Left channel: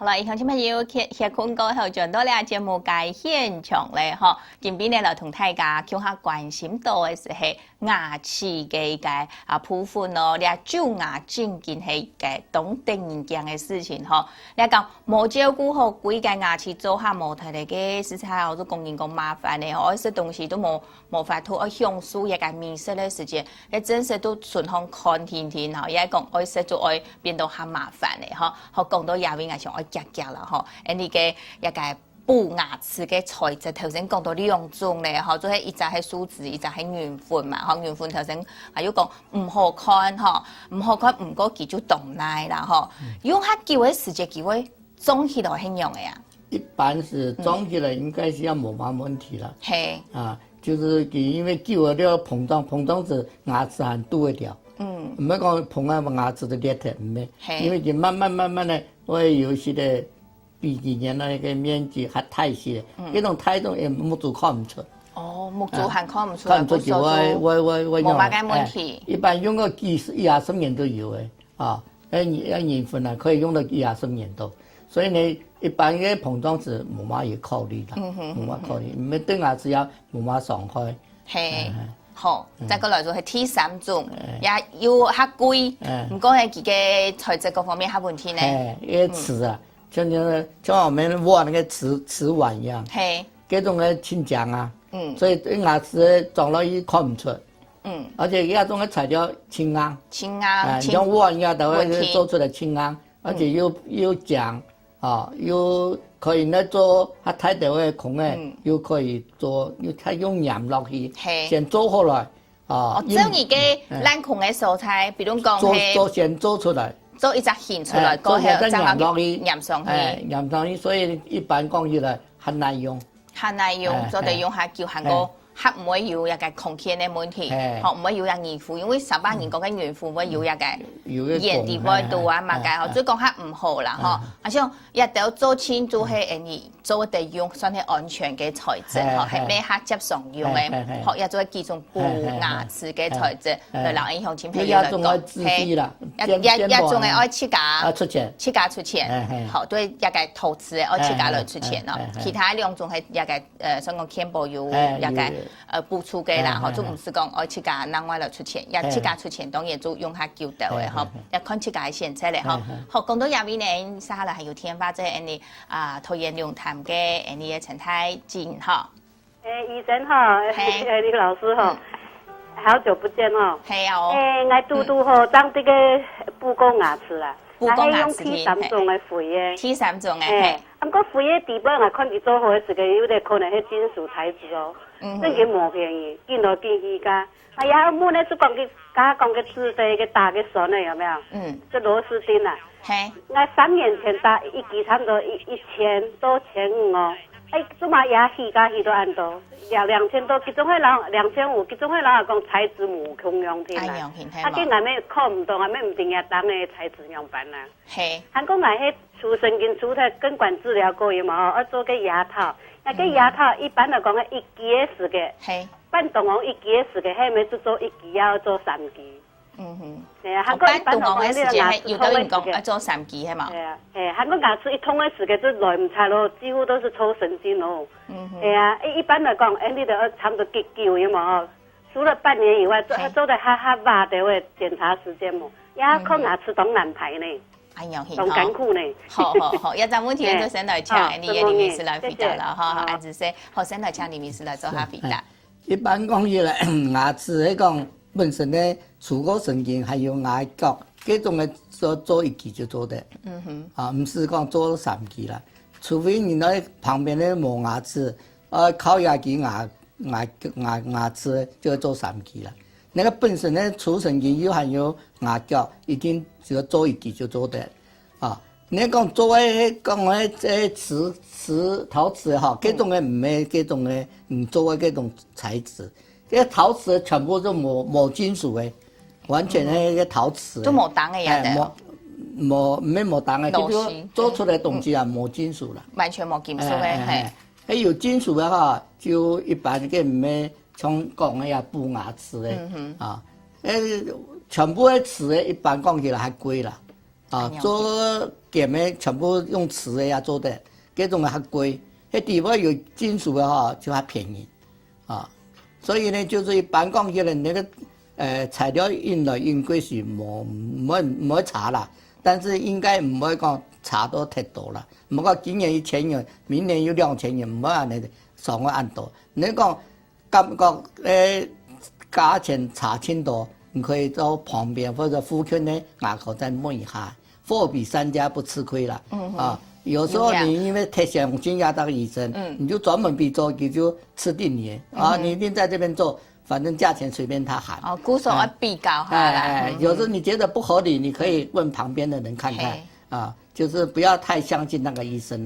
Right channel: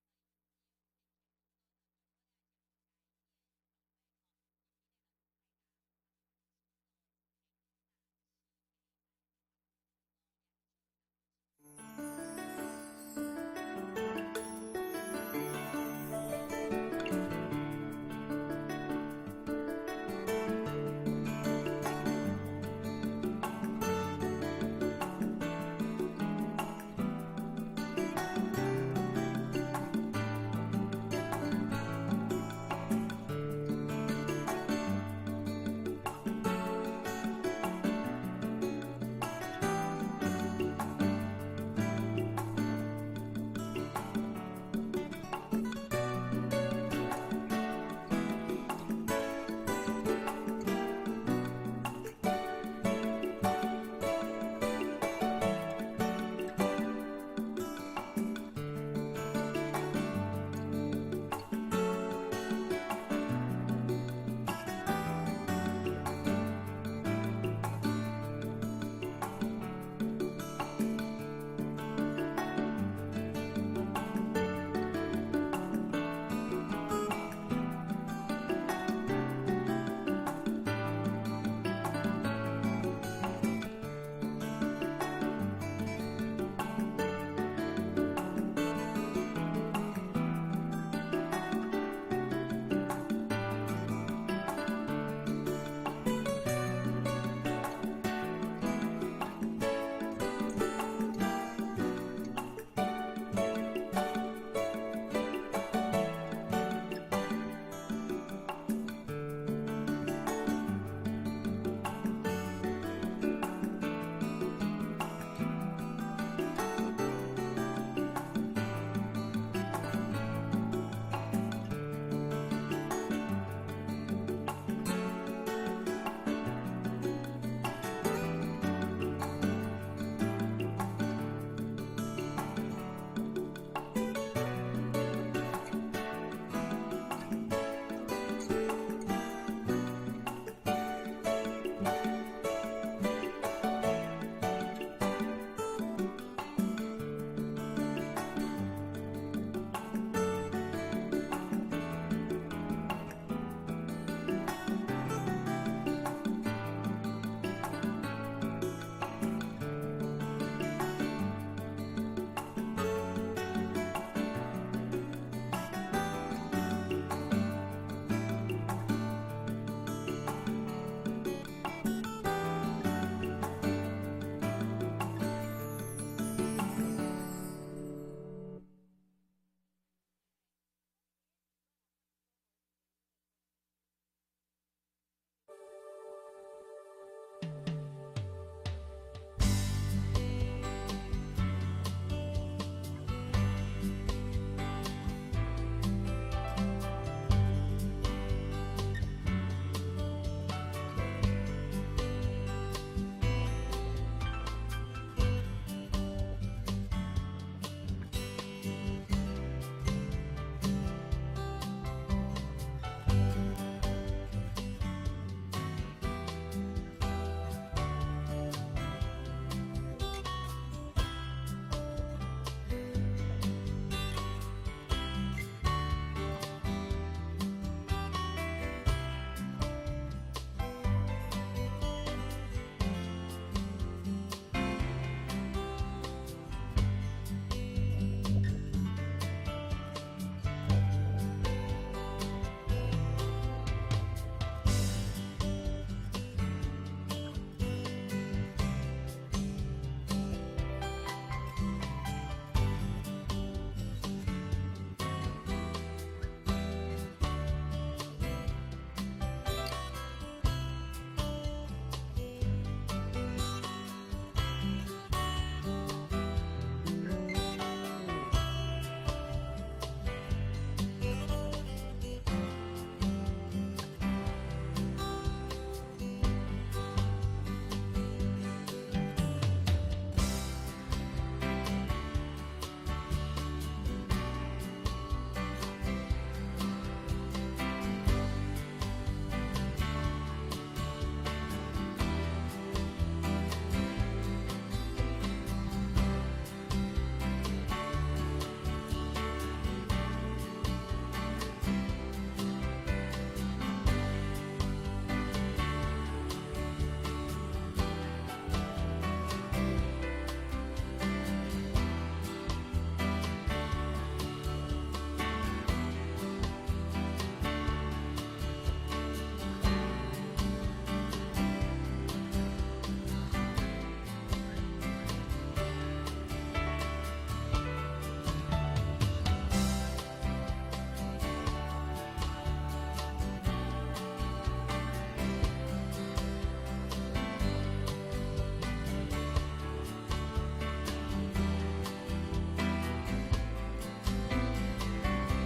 好啦，以上朋友歇困过后，转到了节目界现场咧，吼，今边咧就同大家讲下关心到的是牙齿嘅部分咯，你蛀牙真件系嘅当定件嘅事情吼。你讲冇照顾好规个牙齿做下冇睇嚟嘅，实在我都供应讲麻烦嘅，我食东西都冇法度，我享受一个美食嘅时间，你真是都顺行看天天吼，也讲爱食就爱变到下麻烦嘅吼，好讲到牙边牙上爱夹夹啦吼，呢个一个补牙齿嘅材质，头先讲到2种咧，吼，做係一隻係樹脂，一隻係圓粉嘛，吼，圓粉頭先還有講唔好看，吼，唔好看，唔過佢就動奶啦，吼，用下久嘅時間，佢會裝起來很用嘅呀。一般是裝起來應該是要冇乜問題啦。係啊，就是因為久了了膨脹子牙齒還堵得掉。唔係講膨啊牙齒都裂掉唔咧，因為佢慢慢咧會有些嘅。鼻炎那个面积还太些，这种态度也木做看唔出。哦，木做还看唔出。看唔出就我用。冇乜嘅問題。一般用個牙生棉都有嘅，啊，鹽粉啊可以用到牙生棉都，所以呢一般嘅膨脹子冇乜嘢考慮啦，冇乜考慮，唔係對牙齒有冇乜傷害。係，好，再過來就係第3種，也要較貴，唔過係佢嘅材質各方面較問題呢。誒，齒啊。像我們挖那個瓷碗一樣，這種嘅清漿啊，所以對牙齒撞到一看唔出，而且這種嘅材料輕硬，像碗一樣都會做出來輕硬，而且又漿，啊，又可以呢做它太大嘅孔嘅，又可以做，它用鹽落去，先做好來。哦，即係而家冷控嘅蔬菜，比如講先做出來，做一隻芡出來，過後再鹽落去，鹽上去，鹽上去，所以一般講起來很難用，很難用，就得用下叫下個，黑唔會有一個空氣嘅問題，學唔會有一鹽腐，因為18年講嘅鹽腐會有一個鹽地位度啊嘛嘅，所以講下唔好啦，嗬，而且一定做清楚係你做得用算係安全嘅材質，嗬，係咩客接常用嘅，學一做幾種補牙齒嘅材質，對人影響前朋友嚟講，係一種係愛切價出錢，好對一個投資嘅愛切價來出錢咯，其他2種係一個想講健保有一個補助嘅啦，嗬，就唔是講愛切價另外來出錢，一切價出錢當然就用下叫到嘅。要看這個現在咧，嗬。學講到入面咧，沙啦係有天發即係你桃園龍潭嘅你嘅陳太金嗬。醫生嗬，李老師嗬，好久不見嗬。係啊。我嘟嘟嗬，長這個補過牙齒啦。補過牙齒。係用第3種嘅肥嘅。第3種嘅係。咁個肥嘅地方我看佢做好嘅時候，有啲可能係金屬材質哦。真嘅冇便宜，見來見去噶。哎呀，我呢就講佢，家講佢瓷的個大嘅鎖呢，有沒有？這螺絲釘啊。係。我3年前打一支差唔多1000多1500哦。哎，做嘛牙起家起都按到，要2000多，其中係人2500，其中係人講材質冇共用添啦。啊，佢外面考唔到，外面唔定要當嘅材質用版啦。係。韓國外迄除神經除嘅根管治療過有冇？要做個牙套。那個牙套一般來講係1支嘅時嘅，半動王1支嘅時嘅，係咪做1支要做3支？係啊，韓國一般來講呢個牙齒通嘅時嘅，做3支係嘛？係啊，韓國牙齒一通嘅時嘅就來唔差咯，幾乎都是抽神經咯。係啊，一般來講，你就差唔多幾久有冇？除了半年以外，做得哈麻的會檢查時間冇，牙科牙齒當難排呢。咁艱苦呢？好，一陣問題就先來請你嘅李醫師來回答啦，哈，還是說好先來請李醫師來做下回答。一般講起來，牙齒嚟講本身咧，除過神經還有牙角，這種嘅做1支就做得，啊，唔是講做3支啦，除非你喺旁邊咧冇牙齒，靠牙機牙齒就做3支啦。那個本身咧除神經又含有牙角，已經只要做1支就做得。啊，你講做嘅講嘅即陶瓷哈，這種嘅唔係這種嘅唔做嘅這種材質，因為陶瓷全部都冇金屬嘅，完全係個陶瓷。都冇彈嘅嘢。冇彈嘅，就是做出來東西啊冇金屬啦。完全冇金屬嘅係。誒有金屬嘅哈，就一般嘅唔係像講嘅呀補牙齒嘅，啊，全部嘅瓷嘅一般講起來還貴啦。做剑的全部用瓷的呀做的，这种的较贵，那地方有金属的就较便宜，所以呢，就是一般讲起来，那个材料用来应该是唔会差啦，但是应该唔会讲差到太多啦。唔好讲今年1000元，明年有2000元，唔好安尼上个按多。你讲感觉价钱差挺多，你可以到旁边或者附近的牙口再问一下，货比三家不吃亏了。有时候你因为太想金牙当医生，你就专门去做，你就吃定你你一定在这边做，反正价钱随便他喊。估算要比较哈啦。有时候你觉得不合理，你可以问旁边的人看看。就是不要太相信那个医生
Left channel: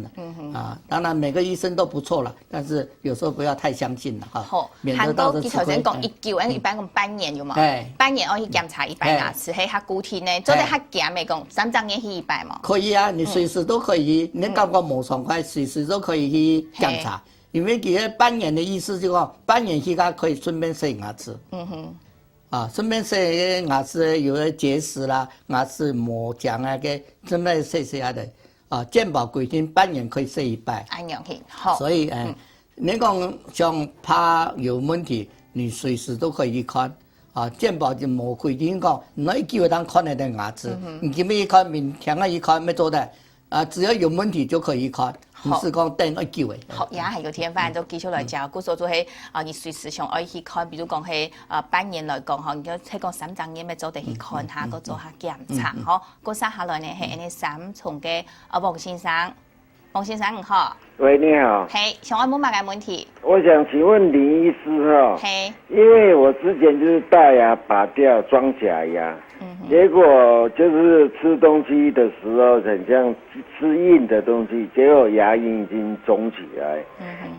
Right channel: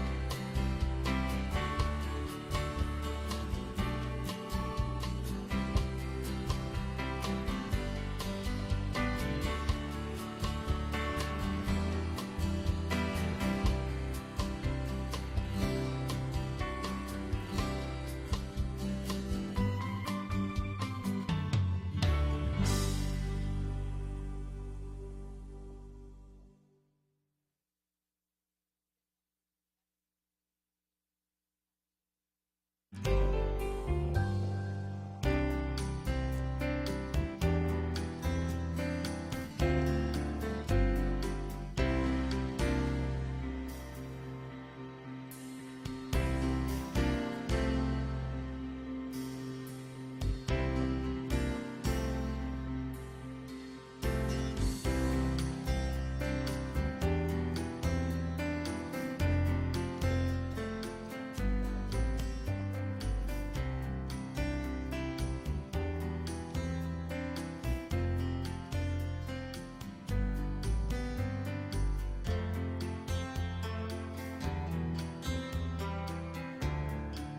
了。当然每个医生都不错了，但是有时候不要太相信了免得到时候吃亏。头先讲19，一般讲半年有嘛？半年我去检查一般牙齿，迄较固体呢，做得较咸的讲3张年去一摆嘛。可以啊，你随时都可以，你感觉无爽快，随时都可以去检查。因为其实半年的意思就是讲，半年期间可以顺便洗牙齿。顺便洗牙齿有的结石啦，牙齿磨浆啊，给顺便洗下的。健保规定半年可以洗一摆。安样去好。所以你讲像怕有问题，你随时都可以去看。健保就冇规定讲，唔可以叫人看你的牙齿。你今日一看，明天一看，要做的。只要有问题就可以看。不是讲等要救的。好，也系个天班都继续来教，故所做迄你随时上爱去看，比如讲迄半年来讲吼，你就睇讲3张年要做地去看下，搁做下检查，吼。过三下来呢，系安尼3重嘅王先生，王先生你好。喂，你好。嘿，想问乜个问题？我想请问林医师哈。嘿。因为我之前就是大牙拔掉装假牙。结果就是吃东西的时候很像吃硬的东西，结果牙龈已经肿起来，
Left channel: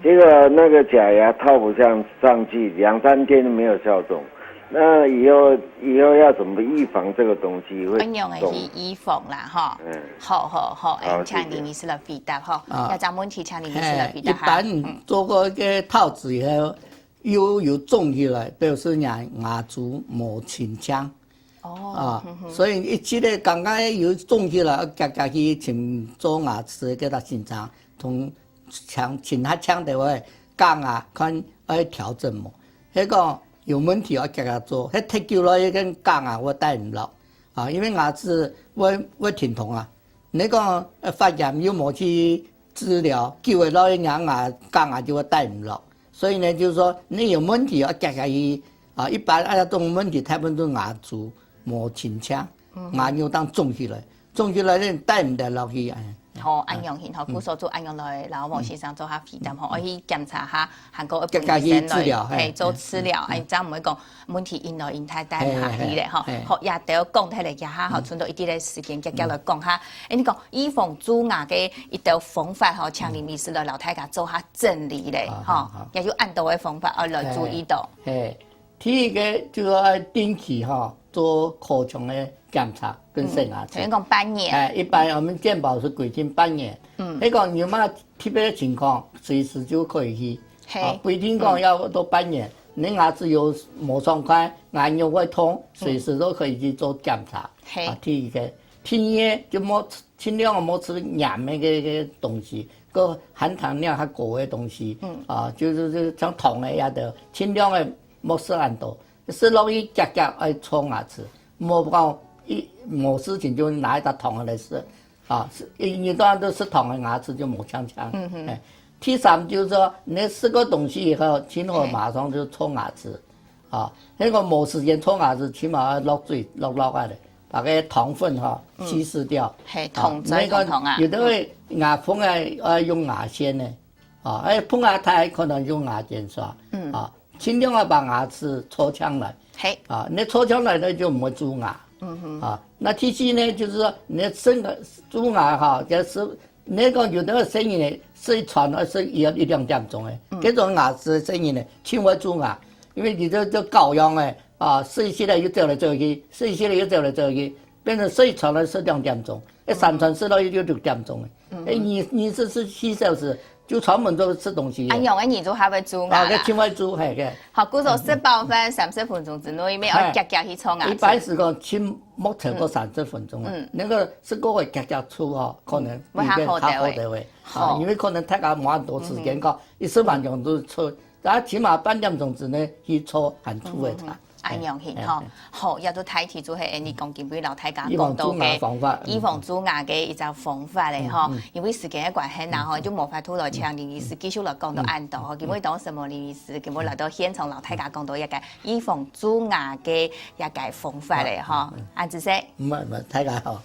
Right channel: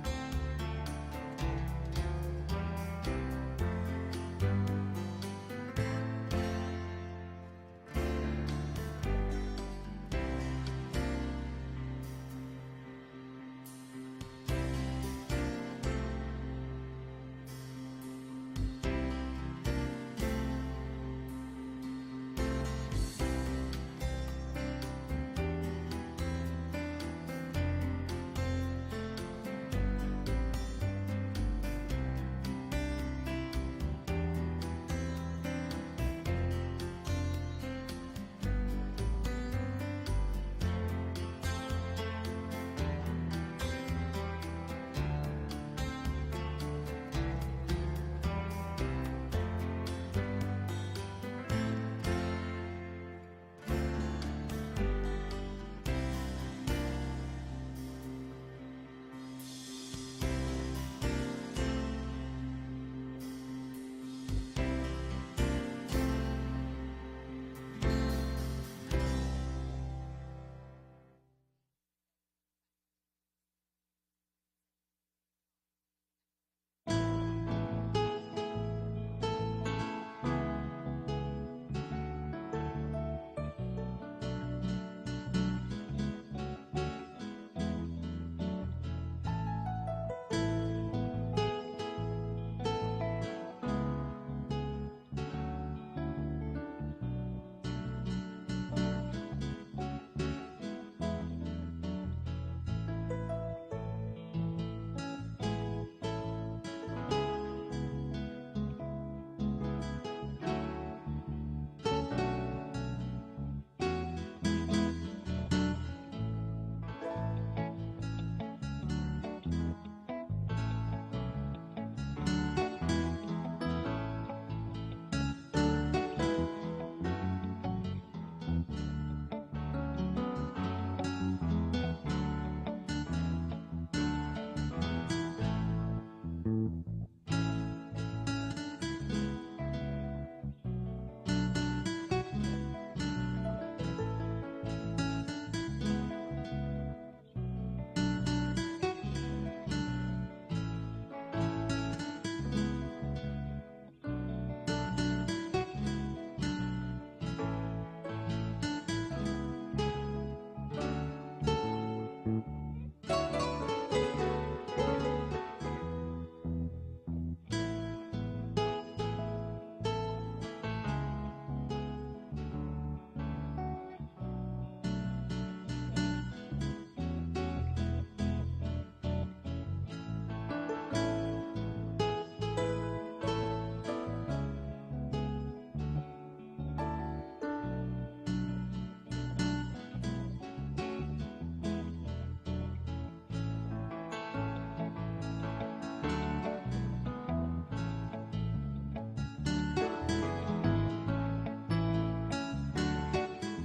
结果那个假牙套不上去，2、3天没有消肿。那以后要怎么预防这个东西会用的是预防啦，哈。好，请林医师来回答哈。有啥问题请林医师来回答一般做过一个套子以后，有肿起来，表示牙珠冇清腔。所以一起咧，刚刚有肿起来，夹去请做牙齿叫他检查，同请他抢的话，假牙看要调整嘛。那个有问题要夹做，那太久了，一根假牙我戴唔落，因为牙齿会疼痛啊。那个发炎又冇去治疗，久了那假牙就会戴唔落。所以呢，就是说你有问题要夹去一般这种问题大部分都牙珠。冇清腔，牙肉当肿起来你戴唔得落去啊。好，安样型好，故所做安样来，然后王先生做下皮蛋，我去检查下韩国医生来，做治疗，这样唔会讲问题因来因太大下去咧，吼。好，也得要讲睇嚟，家下好，剩到一啲嘅时间，夹来讲下。你讲预防蛀牙嘅一道方法，吼，请林医师来老太家做下整理咧，吼，也就按到嘅方法来注意到。第一个就是要定期做口腔的检查跟洗牙齿。先讲半年。一般我们健保是规定半年。那个有嘛特别的情况，随时就可以去。不一定讲要到半年。你牙齿有冇爽快，牙肉会痛，随时都可以去做检查。第一个，第二就冇尽量冇吃盐的个东西，个含糖量较高的东西。就是像糖的也得，尽量的。莫食很多，食落去夹爱冲牙齿，莫讲冇事情就拿一沓糖来吃，一般都吃糖的牙齿就冇呛呛。第三就是说，你吃过东西以后，起码马上就冲牙齿，那个冇时间冲牙齿，起码要落水落的，把个糖分稀释掉。那个有的会牙缝用牙线呢。碰牙太可能用牙间刷，尽量要把牙齿搓腔来，你搓腔来呢就唔会蛀牙，那第四呢就是说你蛀牙就是那个有的声音呢，是传是要1-2点钟的，这种牙齿的声音呢，轻微蛀牙，因为你这羔羊的睡起来又掉来走去，睡起来又掉来走去，变成睡传了是2点钟，3传4到就6点钟。24小时就专门都吃东西。用的耳朵还会蛀牙。个青蛙煮系嘅。好，故作18分30分钟之内，要夹去冲牙。一般是讲亲目测过30分钟。那个是个会夹出哦，可能会较好的位。好，因为可能大家冇咁多时间讲，1晚钟都出，但起码半点钟之内去搓含出的菜。安样型吼，好，也都睇提出系你讲今位老太家讲到嘅预防蛀牙嘅一种方法咧吼，因为时间嘅关系，然后就无法拖来请林医师继续来讲到按道吼，今位当什么林医师，今位来到现场老太家讲到一个预防蛀牙嘅一个方法咧吼，安子说，唔系，太家好。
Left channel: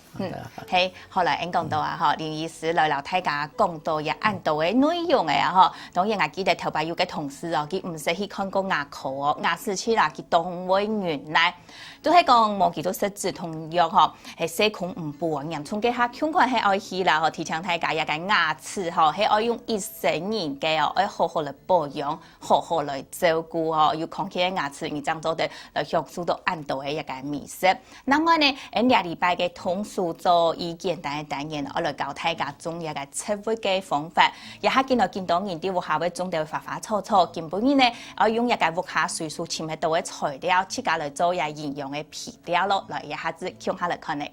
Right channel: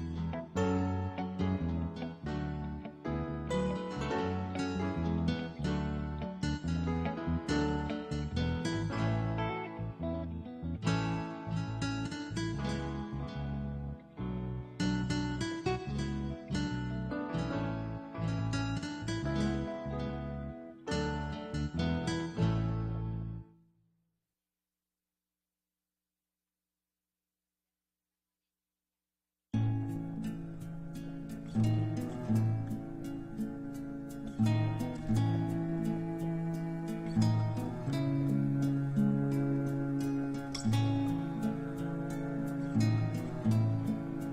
嘿，后来因讲到啊吼，林医师来老太家讲到也按道嘅内容嘅啊吼，当然我记得头摆有个同事哦，佢唔使去看过牙科哦，牙齿齿啦，佢动会原来都係講無幾多實質同樣嗬，係細孔唔保嚴重嘅下，恐況係愛去啦嗬，提倡大家一個牙齒嗬，係愛用一生年嘅哦，要好好嚟保養，好好嚟照顧嗬，要康健嘅牙齒，而將做到嚟享受到安度嘅一個美食。那麼呢，2禮拜嘅通俗做以簡單嘅單元，我嚟教大家種一個切會嘅方法，也係見到人哋屋下會種到花花草草，根本呢，我用一個屋下水素潛喺度嘅材料，自家嚟做一營養嘅皮料咯，來一下子用下嚟看嚟。